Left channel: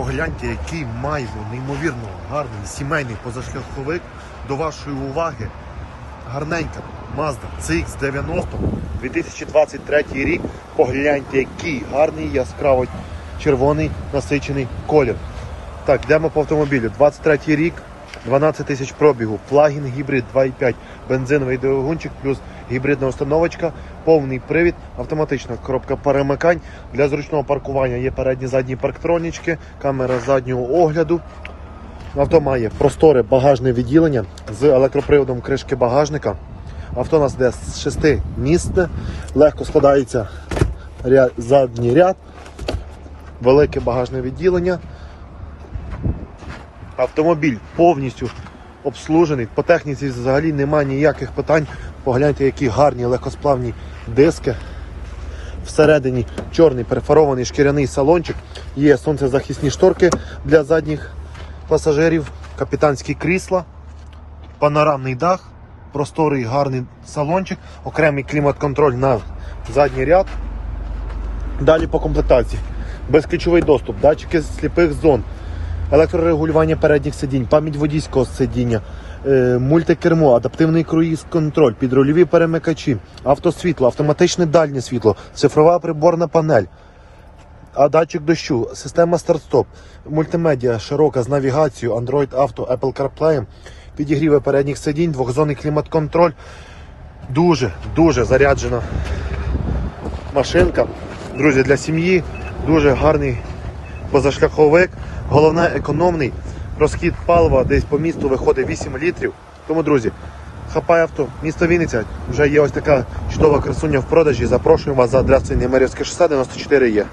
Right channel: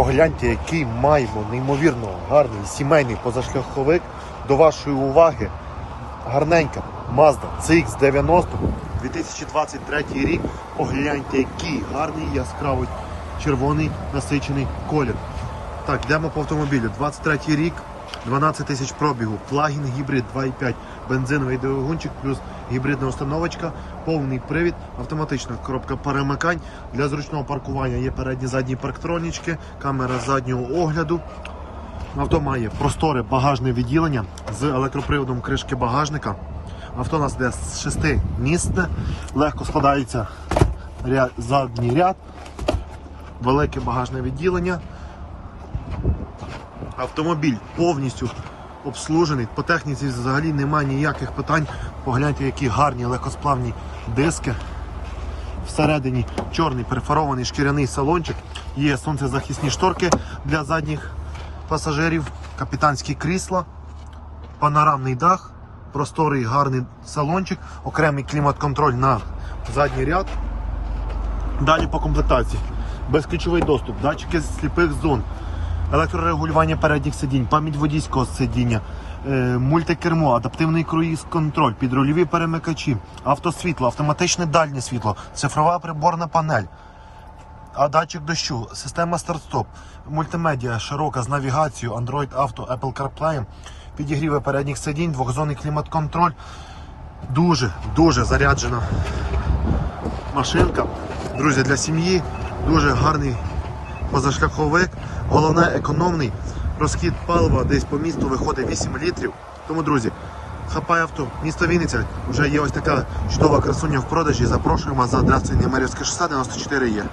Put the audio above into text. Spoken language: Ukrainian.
Погляньте, який маємо неймовірно гарний сімейний позашляховик. До вашої уваги гарненька Mazda CX-90 2023 рік. Погляньте, який гарний яскраво червоний насичений колір. Так, йдемо по автомобілю. 23 рік, 12 тисяч пробігу, плагін гібрид 2.5, бензиновий двигунчик плюс гібридна установочка, повний привід, автоматична коробка перемикань. Для зручного паркування є передні задні парктронічки, камера заднього огляду. Авто має просторе багажне відділення з електроприводом кришки багажника. Авто у нас йде з 6 місце, легко складається ряд, задній ряд, велике багажне відділення. Автомобіль повністю обслужений. По техніці взагалі немає ніяких питань. Погляньте, які гарні легкосплавні диски. Всередині чорний перфорований шкіряний салончик. Є сонцезахисні шторки для задніх пасажирів, капітанські крісла, панорамний дах, просторий гарний салончик, окремий клімат-контроль на задній ряд. Далі по комплектації. Безключовий доступ, датчики сліпих зон, електрорегулювання передніх сидінь, пам'ять водійського сидіння, е, мультикермо, адаптивний круїз-контроль, підрульові перемикачі, автосвітло, автоматичне дальнє світло, цифрова приборна панель, а датчик дощу, система старт-стоп, мультимедіа широка з навігацією, Android Auto, Apple CarPlay, підігріви передніх сидінь, двохзонний клімат-контроль. Дуже, дуже заряджена машинка. Друзі, для сім'ї дуже гарний позашляховик. Головне економний. Розхід палива десь по місту виходить 8 літрів. Тому, друзі, хапай авто, місто Вінниця. Вже є ось така чудова красуня в продажі. Запрошуємо вас за адресою Немирівське шосе 94 є.